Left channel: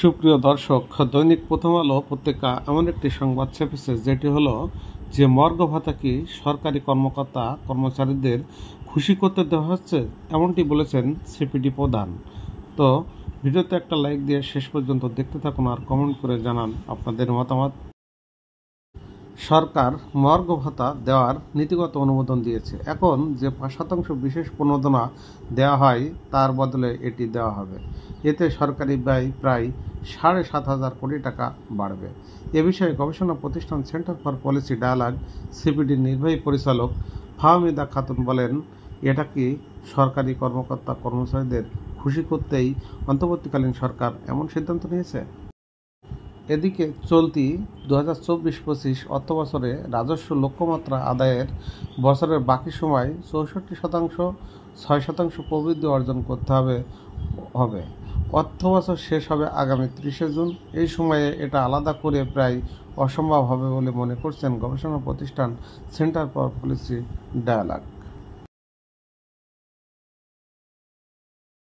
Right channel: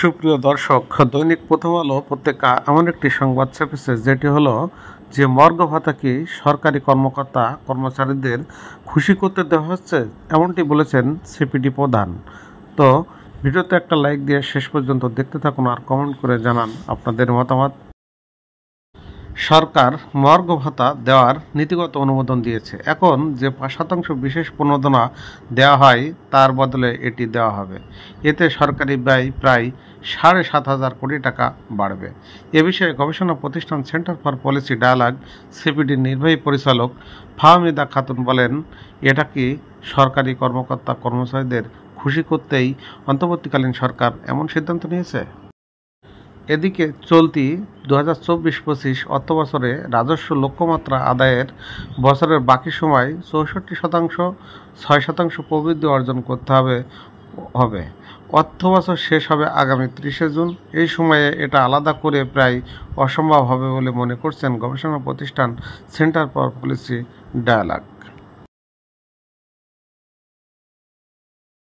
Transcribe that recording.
সুপ্রিয় দর্শক, দৈনিক প্রথম আলো পত্রিকা এমন একটি সংবাদ ছাপেছে যেটি হলো যে মর্গ ভাতা কি সরকারি কর্মকর্তা কর্মচারীদের খুশি করতে দেওয়া হচ্ছে, এমনটি বলেছেন সিপিডি প্রধান। তো ভিডিওতে একটা লাইক দিয়ে শেষ পর্যন্ত দেখতে থাকুন আর কমেন্ট করে জানান আপনাদের মতামত। সরকার মর্গ ভাতা দেওয়ার নীতিগত অনুমোদন দিয়েছে। এখন যে 5% বিশেষ প্রণোদনা দেওয়া হয় তার বদলে এটি দেওয়া হবে। এতে সরকারি ব্যয় প্রায় 7,500 কোটি টাকা বাড়বে। এ বিষয়ে গবেষণা প্রতিষ্ঠান সেন্টার ফর পলিসি ডায়ালগ সিপিডির নির্বাহী পরিচালক ফাহমিদা খাতুন বলেন, এটা কি সরকারি কর্মকর্তা কর্মচারীদের খুশি করতেই অন্তর্বর্তীকালীন সরকার এমন সিদ্ধান্ত নিয়েছে। এদিকে চলতি 2024-25 অর্থবছরে রাজস্ব লক্ষ্যমাত্রা আদায়ের বছরের বাকি সময় 64%, 6% প্রবৃদ্ধি অর্জন করতে হবে। অর্থবছর শেষ হবে আগামী 30 জুন। এই সময়ে এটা আলাদা করে প্রায় অসম্ভব হবে বলে মনে করছেন গবেষণা প্রতিষ্ঠান সেন্টার ফর পলিসি ডায়ালগ।